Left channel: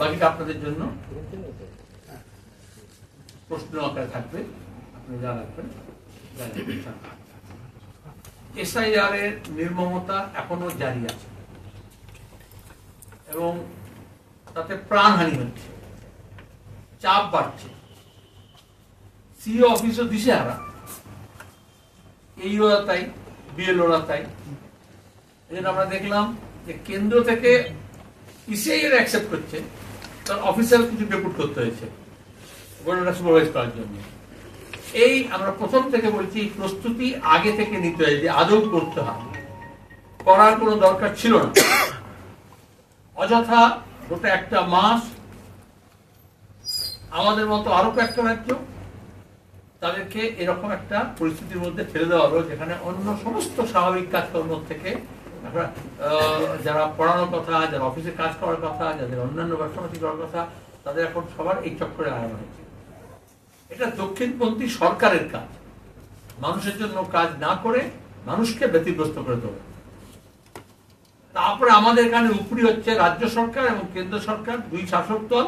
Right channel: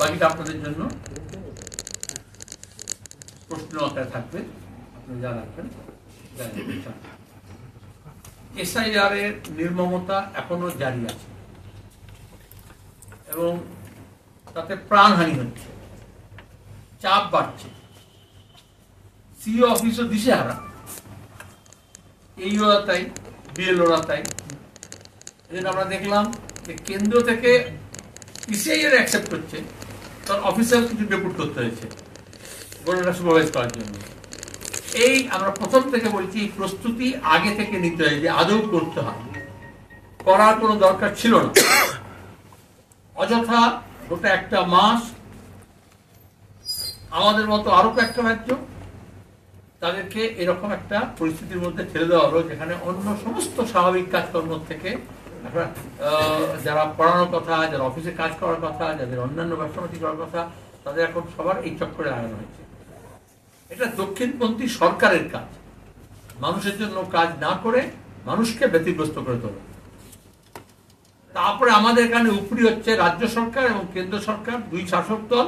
বাকিটা আপনাদের জন্য প্রশ্ন আকারে থাকবে, আপনি যা রাখবেন জানেন। এসআইআর এর নির্মমতা এখনো জারি আছে এবং তাতে প্রাণহানি হচ্ছে, চাপ বাড়ছে, সিইও অফিসও দিশেহারা, এইওরা তাই, বিএলওরা তাই। এই জন্য আমরা দেখলাম যে কেন্দ্র থেকে ইসিআইআর অ্যাকসেপ্ট করছে, কারণ অফিসার কিছু ডেপুট করতে হয়েছে গোটাটা সুপারভাইজ করার জন্য। এই আমরা প্রথম থেকে বলছি প্রস্তুতি আগে থেকে নিতে হয়, যে আদৌ করতে হয়, করার কোনো দরকার ছিল না। অযথা গোটা একটা মাস আমাদের মতো আরো কয়েকটা রাজ্য তাদেরকে এরকম একটা পরিস্থিতির মধ্যে ঠেলে দেওয়া হলো, যেখানে অন্য সমস্ত স্বাভাবিক কাজকর্ম থেকে যারা পড়ানোর কথা, যারা অফিসে কাজ করার কথা, যাদের অন্যান্য ব্যবসাপাতি করার কথা, তাদের এখন সবার এই চক্করে লাগানো হয়েছে। এটা দক্ষিণপন্থী সরকারের কাজ, মানুষের জন্য কাজ না করে মানুষকে ব্যতিগ্রস্ত করে তোলা। তারপরে আমাদের এখানে উপরি হচ্ছে রাজ্য সরকার এবং কেন্দ্র সরকার, দুই শাসক দল,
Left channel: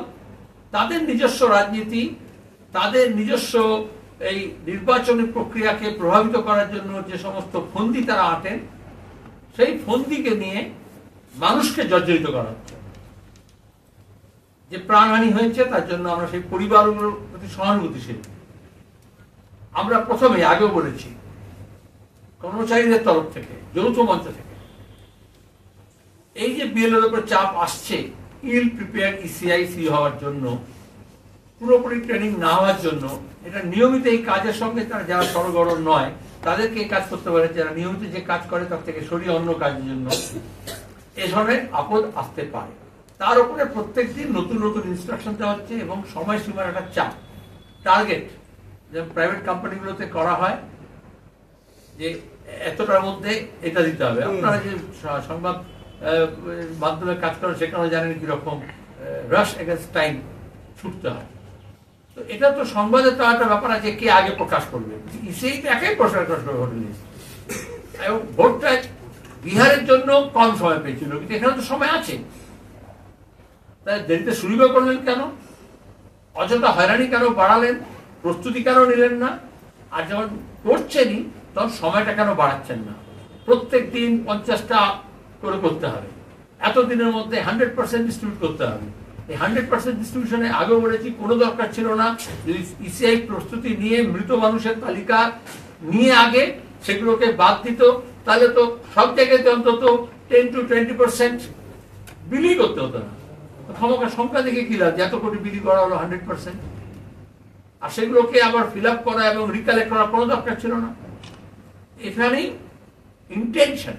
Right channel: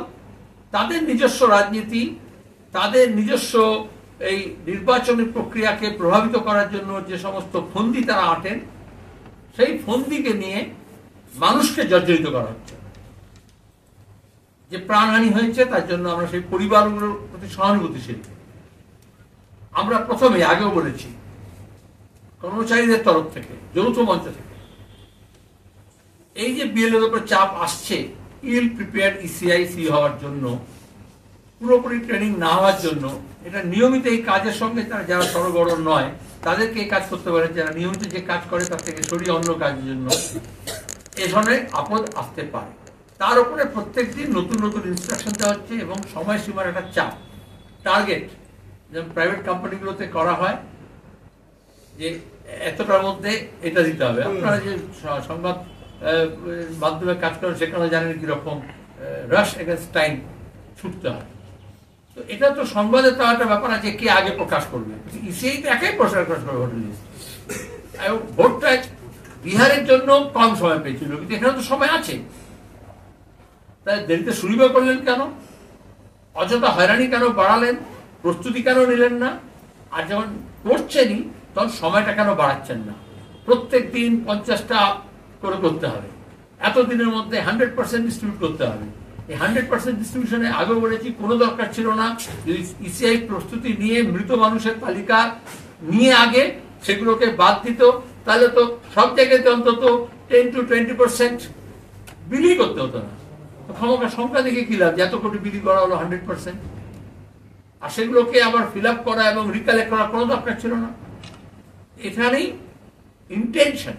তাদের নিজস্ব রাজনীতি, তাদের নিজস্ব এই নির্বাচনী প্রক্রিয়াকে প্রভাবিত করার জন্য যে সমস্ত ফন্দি তারা আঁটেন, সেই ফন্দিকে নিয়ে মানুষকে জর্জরিত করা হচ্ছে। যে প্রাণহানি হয়েছে তার জন্য আমরা সেই পরিবারগুলোর প্রতি সহানুভূতিশীল। আমরা প্রথমে আগেও বলেছি, কর্মচারীদের তরফ থেকে, যৌথ মঞ্চ থেকে, এই যে বিএলওর উপর চাপ আসছে ইল প্রিপেয়ার্ড ইসিআইসি হওয়ার জন্য, পুরোপুরি ট্রেনিং না হওয়ার জন্য, এটা নিয়মিত এই কাজের সঙ্গে তারা যারা সরগড় নয় তাদেরকে এই কাজ করতে পারে, যারা নিয়মিত যে কাজ করে তার থেকে সরিয়ে অন্য কাজের জন্য এ ধরনের আপদ আসতে পারে। তার উপরে প্রত্যেক দিন নতুন নতুন ইনস্ট্রাকশন দেওয়া হচ্ছে এবং সময়সীমার একটা চাপ, টার্গেট, যেমন প্রাইভেট কোম্পানিগুলোতে করা হয় যে এতটার মধ্যে এটা দিতে হবে। আপনারা যে সংবাদ মাধ্যমে কাজ করেন সেখানে জানেন কিরকম রাশ এগেন্স্ট টাইম ছুটতে হয়। তো এটা তো সংবাদে তো একটা ব্যাপার আছে, কে আগে প্রকাশ করবে, ইসিআই তো একাই প্রকাশ করবে ভোটার লিস্ট। এবং ভোটটা বিহারের জন্য কম সময় পেয়েছিল, কিন্তু এখানে তো সময় আছে, তাই দেরিতে শুরু করলেন কেন? অযথা হয়রানি কেন বাড়ালেন? প্রস্তুতি কেন নিলেন না? আর যখন করছেনই তখন সময়টা কেন বাড়াচ্ছেন না? প্রত্যেক দিন 50টা করে করতে হবে, এতদিনের মধ্যে 100% ডিস্ট্রিবিউট করতে হবে। এই 100% ডিস্ট্রিবিউশনে আগেও বলেছি কোনো দরকার ছিল না। যদি ইসিআই প্রস্তুতি নিয়ে মৃত মানুষের তালিকা নিয়ে আগে সেগুলোকে বাদ দিত, তাহলে তো সব জায়গাতে অন্তত 10 to 20% বিলি করতে হতো না। ক্ষমতা সংখ্যা দেখে কি লাভ, এত কোটি বিলি করা হলো 100%, আর সেগুলোকে আবার ফিল আপ করা এবং রিকালেক্ট করার কোনো দরকার ছিল না। এখানেই ইন্টেনশন,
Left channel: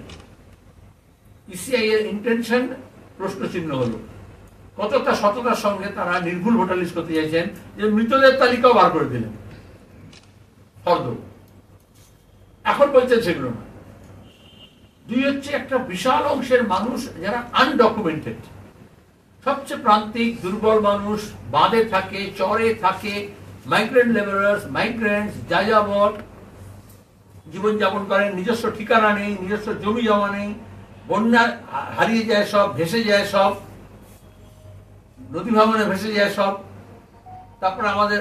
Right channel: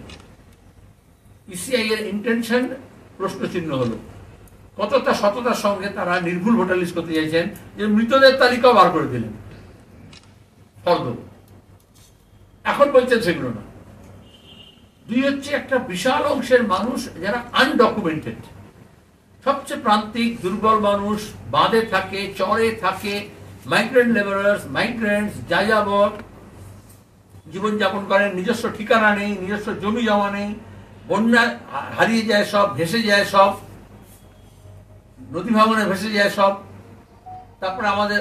ইসিআই এর ইন্টেনশন প্রশ্নচিহ্ন হলো। কতটা সততার সঙ্গে তারা নির্ভুল ভোটার লিস্ট করতে চাইছেন, যে মৃতদের তালিকাও বার করে দিলেন ফর্দ, এখন বলছেন সেগুলো না। দুই হচ্ছে একটা বিশাল অংশের মানুষ যারা আনডকুমেন্টেড, সবচেয়ে প্রান্তিক দুর্বল মানুষ, বাঁধে থাকে, চরে থাকে, মাইগ্রেন্ট লেবারার্স, মাইগ্রেন্টস, যাযাবর জীবনযাপন করেন, নিজস্ব ঠিকানা নেই, নিজস্ব জমি জমা নেই, বন্যা হারিয়ে যায় সব, ভেসে যায় সব, নদী ভাঙনে ভেসে যায় সব। তারপরে আমাদের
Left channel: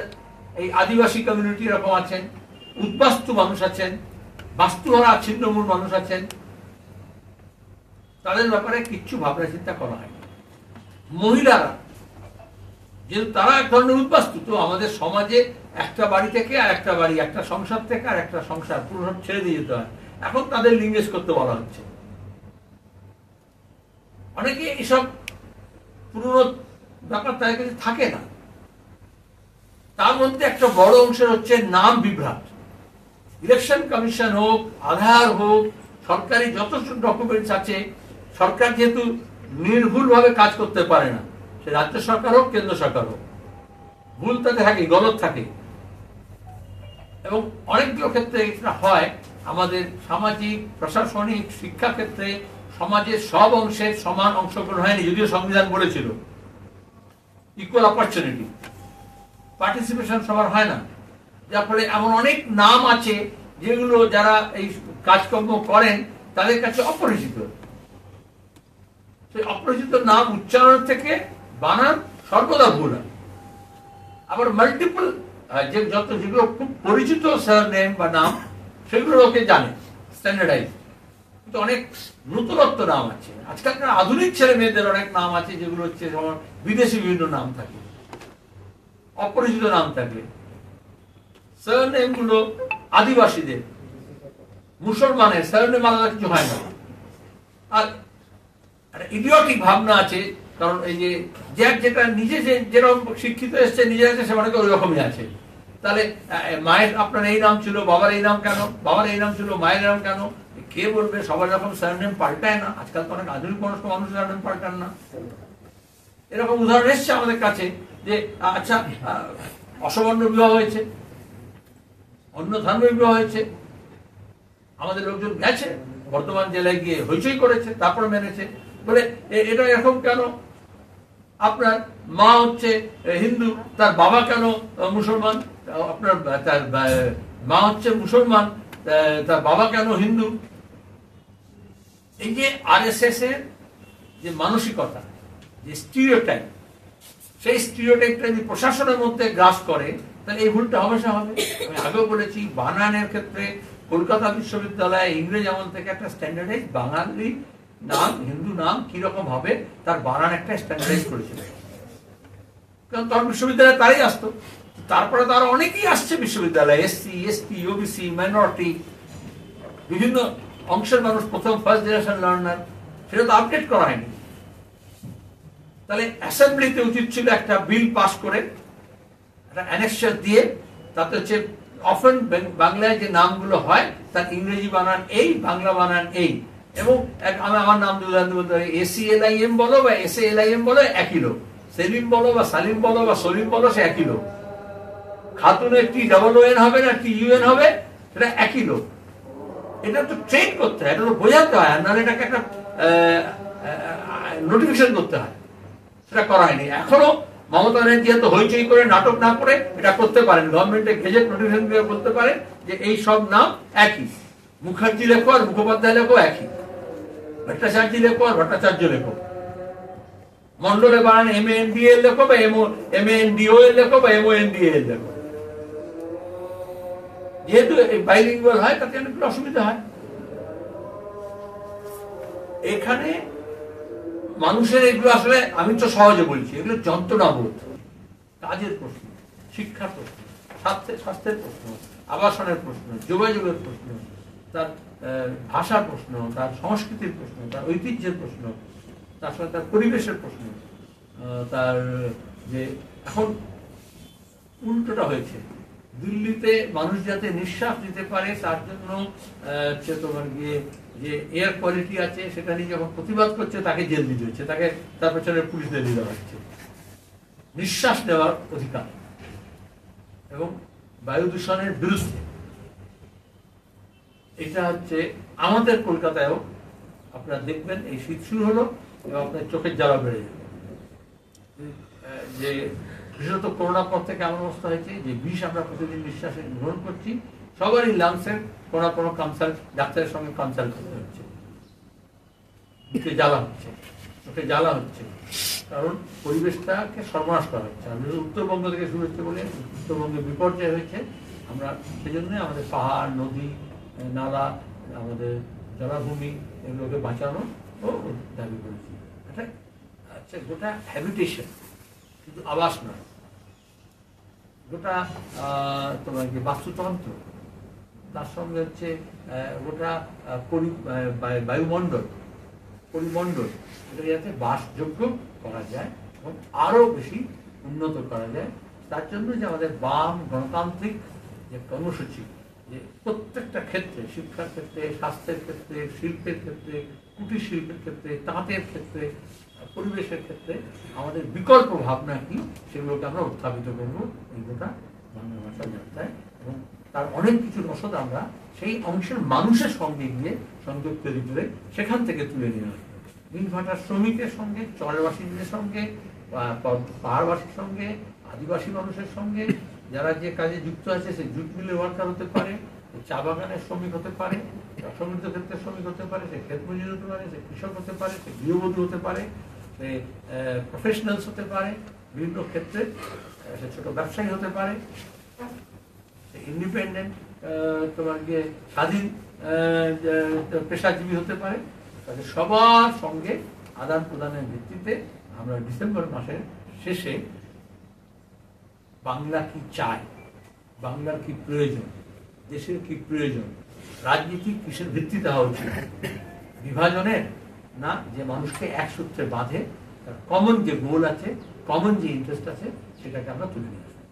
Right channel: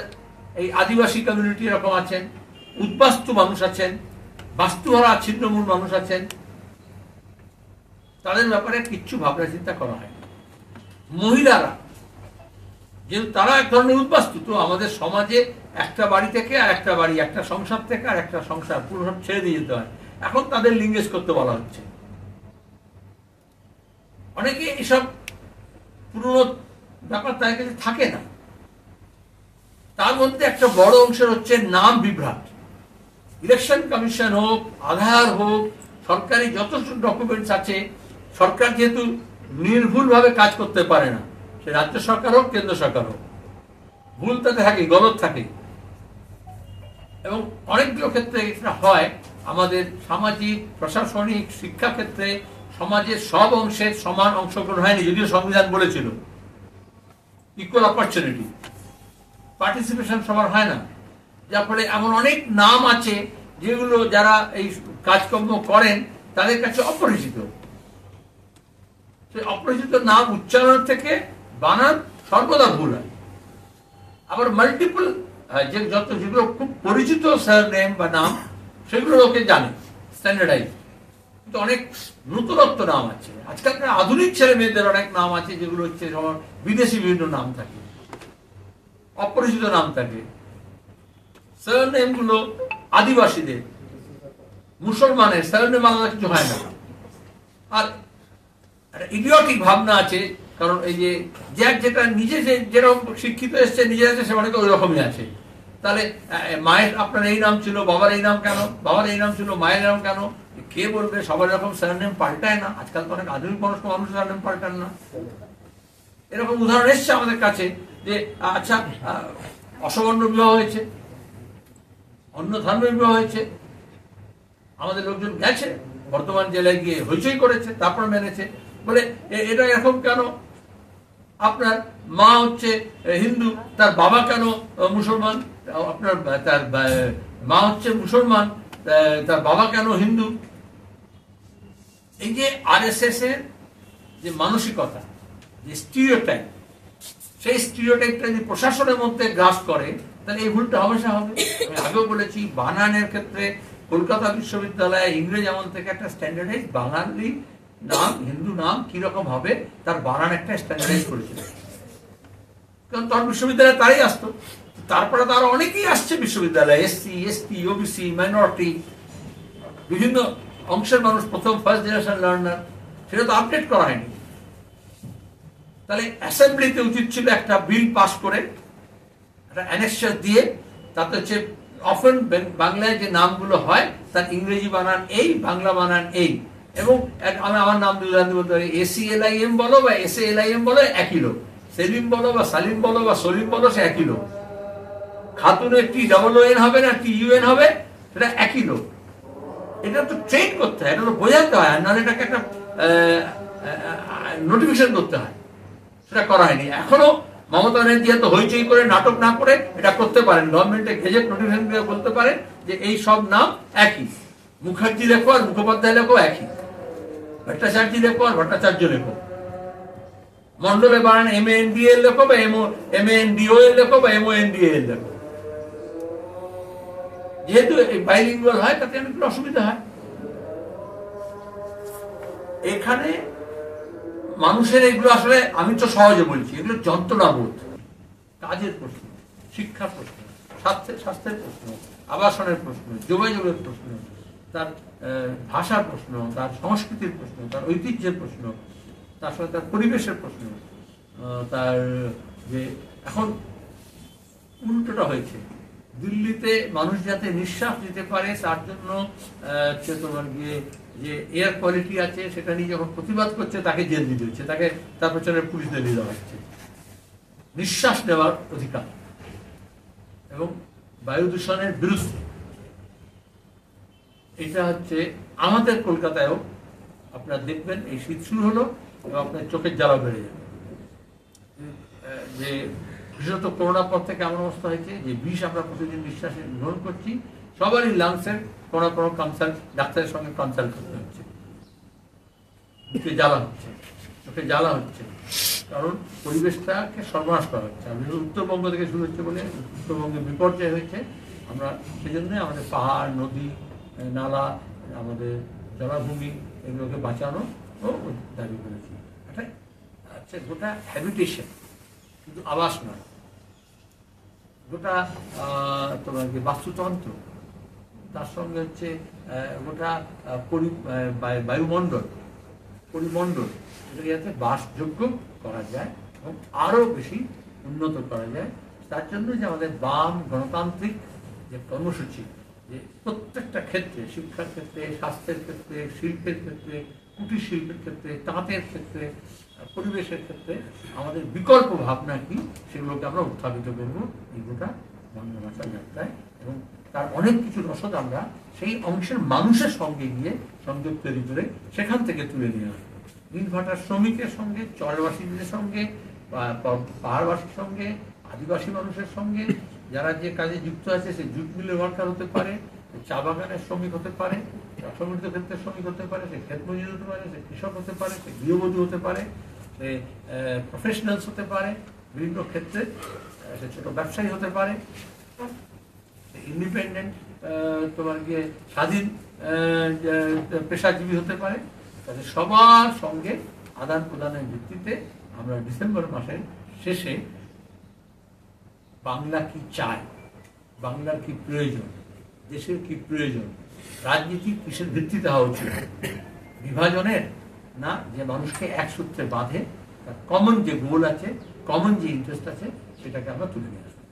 এই আদিবাসী কমিউনিটি এরকম আছেন, উদ্বাস্তু মানুষ আছেন, বাস্তুহারা ছিন্নমূল মানুষ আছেন, তাদের ব্যাপারে কিচ্ছু ভাবনা চিন্তা করা হয়। মহিলারা যেহেতু তারা এক ধরনের উদ্বাস্তু, তো আমাদের সমাজে একটা বাড়ি থেকে আর একটা বাড়ি, একটা সংসার থেকে আর একটা সংসার, পুরো সব ছেড়ে দিয়ে যেতে হয়। এখন তাদের লিঙ্গেজ করতে বলা হচ্ছে। অনেকে এসব পুরনো ব্যাপার তাদের কাছে থাকে না। তার মধ্যে একটা বড় অংশের হচ্ছে নাম বিভ্রাট। ইলেকশন কমিশন হোক, আধার হোক, সরকারি যত ডকুমেন্টস আছে, সরকার যেহেতু নির্ভুলভাবে কাজ করতে পারে না, সে রাজ্য সরকার হোক, কেন্দ্র সরকার হোক, ভুল তাতে থাকে, গলত থাকে। এবং অনেকগুলো ক্ষেত্রে এটা হয়। আমাদের সামাজিক, প্রশাসনিক, শিক্ষা ক্ষেত্রে সমাজের সব অংশের সমান অংশগ্রহণ হয়নি, যদিও সংবিধান বলেছিল ইকুয়াল অপরচুনিটি, পার্টিসিপেশন সবার হয় না। যার ফলে এমন অনেক নাম আছে যেগুলো যারা এই কাজকর্ম করেন তাদের কাছে অপরিচিত। সেই অপরিচিত নাম উচ্চারণ থেকে বানান সর্বদা ভুল হয়। আবার মাল্টিপল যেগুলো খুব পরিচিত সারনেম বা নাম, সেগুলো লোকে জানে স্ট্যান্ডার্ডাইজ, কিন্তু অনেক নতুনত্ব নাম আছে। আজকালকার আধুনিক ছেলে মেয়েদের অনেক নাম আছে যেগুলো হচ্ছে বিদেশি বিভিন্ন নাম থাকে, অপরিচিত নাম থাকে। সারনেম গুলো আদিবাসীদের, মুসলমানের সারনেম আলাদা কিছু হয় না। আর ইডিয়টিক ভাবনা আছে, কারণ এই যে যেটা নিজে যেরকম শিক্ষিত এসছে নিজে আছে, সে অনেকে ওই রকমই আছে। তাহলে মায়ের আপনার এই নাম ছিল, বাবার এই নাম কেন, বাবার এই নাম ছিল, মায়ের নাম কেন, কে বলবে? সবার এরকম সারনেম পাল্টায় না। আজকাল তো অনেক আধুনিক মানুষ সারনেম পাল্টান না। এরকম উদাহরণ এসছে আমাদের কাছে যে আচ্ছা, অসবর্ণ বিবাহ হয়েছে, অন্য ধর্মের বিবাহ হয়েছে, আমাদের লোকজন গেছে বর্ধমান জেলায় গিয়ে হইচই করেছে, তারপর মেনেছে, বলে এটা এরকম কেন? আপনার মা হচ্ছে হিন্দু, তার বাবা কেন মুসলমান? আপনার তার মা হচ্ছে মুসলমান, তার বাবা কেন হিন্দু? এই যে আরএসএস এর যে মানসিকতা, যে স্টিরিওটাইপ, সেই স্টিরিওটাইপটা যদি প্রশাসনের মধ্যে গ্রাস করে, তাহলে এই ভুলটা হমেশা হবে। আমি আগেও বলেছি, বানানের ক্ষেত্রে কলকাতা বিশ্ববিদ্যালয়ে ইংরেজ আমল থেকে একটা স্ট্যান্ডার্ডাইজ বাঙালি নাম, হিন্দু নাম কিরকম হবে তার বানান একটা স্ট্যান্ডার্ডাইজ করেছিল। কারণ তখন বিশ্ববিদ্যালয়ে তারাই আসতো, তারপরে তারা অনেকেই আসছে বিশ্ববিদ্যালয়ে, এসসি, এসটি, ওবিসি, মাইনরিটি, বিভিন্ন অংশের মানুষ, প্রথম ফার্স্ট জেনারেশন লার্নার, সেটা তো আপডেট করা হয়নি। তাহলে অ্যাসেম্বলিতে উচিত ছিল একটা বিল পাস করে একটা অ্যানেক্সার দিয়ে, তাতে হচ্ছে অফেন বাংলায় যে নামগুলো হয় তার ইংরেজি বানান এই, বাংলা বানান এই, এবং আমি আমার নাম দিয়ে উদাহরণ বলতে পারি, ACLIM বলো বা SALIM বলো, একই লোক। সেলিম বলো বা সালিম বলো বা সলিম বলো, সে একই লোক। খাতুনের TOON হবে না TUN হবে, সেটা একই লোক। এটা তো ট্রেন করতে হয়, এটা তো বোঝাতে হয়, নাহলে এটাকে একটা নোটিফিকেশন করতে হয়, সেটা করা হয়নি এখনো। মমতা ব্যানার্জি এত হইচই করে নাটক না করে এটা করতে পারেন, গভর্নমেন্টে গেজেট নোটিফিকেশন দিয়ে বলতে পারে যে এই সব নাম একই, মুখার্জি লেখো আর মুখোপাধ্যায় লেখো একই, ভট্টাচার্য লেখো আর ভট্টাচার্য লেখো, মন্ডলে বানান MANDL লেখো বা MANDOL লেখো বা MONDAL লেখো। যেহেতু বাইলিঙ্গুয়াল হয়, তাতে অনেকগুলো অসুবিধা হয়। এখানে মানুষের এগুলো আসলে, আমি তো সহজে বলছি, এগুলো যন্ত্রণাবোধ, কাজের প্রশ্ন, শিক্ষার প্রশ্ন, স্বাস্থ্যের প্রশ্ন, আবাসনের প্রশ্ন, যোগাযোগের প্রশ্ন, তার ভাষার প্রশ্ন, তার সংস্কৃতির প্রশ্ন, তার ঐতিহ্যের প্রশ্ন, তার সঙ্গে তার পরিবেশের প্রশ্ন, তার যে এখন উল্টোটা হয়েছে, দিল্লিতে মানুষ যাতে নিঃশ্বাস নিতে পারে তার জন্য তোমার গিয়ে যে এয়ার কোয়ালিটি আছে সেটা নিয়ে যখন প্রতিবাদ করছে তাকে জেল দিতে হচ্ছে, তাকে তার পেছনে পুলিশদের দিয়ে দেওয়া হচ্ছে। নিঃশ্বাস নেওয়ার অধিকার এবং বায়ু দূষণের বিরুদ্ধে, এটা হচ্ছে আমাদের কলকাতায়ও আপনারা দেখবেন, এই শীত শুরু হলো এবং আপনার চোখের জ্বালা বেড়ে যাবে। যে বিশেষত করোনার পর থেকে এমন অবস্থা হয়েছে যে বিষ আমরা প্রতিদিন নিঃশ্বাসে গ্রহণ করছি, সবারই লাংসের কোনো কোনো কনসাল্ট, ডাক্তারের সঙ্গে কনসাল্ট করতে হচ্ছে, বুকে জ্বালা হচ্ছে, চোখে জ্বালা হচ্ছে, কারণ পরিবেশটাকে সর্বনাশ করা হচ্ছে। আমি উত্তরবঙ্গ থেকে শুরু হচ্ছে বলে উত্তরবঙ্গে বিপর্যয় হয়েছে, আমরা সেজন্য আমাদের পাহাড়, নদী, নালা, আমাদের জলাভূমি, এগুলোকে বাঁচানো ও দাবি করেছি। এটা হচ্ছে গোটা হ্যাবিটেশন, শুধু আবাস নয়, গোটা তোমার কি বাস্তুতন্ত্র, তার সঙ্গে হচ্ছে গোটা বায়ুমণ্ডল, পরিমণ্ডল, এটাকে যাতে বাসযোগ্য করা যায় এবং আরো বেশি উন্নত করা যায়। তার জন্য যে আমাদের বাম গণতান্ত্রিক যে কর্মসূচি, যে প্রত্যেকটা ক্ষেত্রে, শিক্ষার ক্ষেত্রে, স্বাস্থ্যের ক্ষেত্রে, শিল্পের ক্ষেত্রে, কুটির শিল্পের ক্ষেত্রে, তাঁতের ক্ষেত্রে, পরিবেশের ক্ষেত্রে আমাদের বিকল্প ভাবনা কি, সেগুলোকে আমরা উত্থাপিত করবো এই গোটা বাংলা ভাষার যাত্রায়। এবং তার অনেক কিছু রসদ আমরা সেই অংশের মানুষের সঙ্গে গিয়ে সংযোগ তৈরি করে সেখান থেকে তুলে নিয়ে আসবো। ইটভাটার শ্রমিকের সঙ্গে, চরবাসীদের সঙ্গে, পাহাড়বাসীর সঙ্গে, আদিবাসী মানুষের সঙ্গে, যারা যে কাজে যুক্ত আছে, সে জুট মিলের ওয়ার্কার হতে পারে, চা বাগানের শ্রমিক হতে পারে, অসংগঠিত ক্ষেত্রের শ্রমিক হতে পারে, সে ক্ষেত মজুর হতে পারে, সে কৃষক হতে পারে, সে গৃহবধূ হতে পারে, সে প্রফেশনালস হতে পারে, বিভিন্ন ক্ষেত্রে সে ছোট ব্যবসায়ী হতে পারে, ইন্ডিপেন্ডেন্ট তোমার গিয়ে স্বাধীন পেশাজীবী হতে পারে। তাদের সবার সঙ্গে আদান প্রদানের ভিত্তিতে আমরা ডিসেম্বর মাসের শেষে বাংলা কি চায়, বাংলার কি প্রয়োজন, দেশের কি প্রয়োজন, রাজনীতি কিসের ভিত্তিতে হওয়া উচিত, বিভাজনের না, যে মানুষকে এক সূত্রে বাঁধে, তার কমন যে গোল আছে, কমন যে ইন্টারেস্ট আছে, সেটাকে আমরা তুলে নিয়ে আসবো।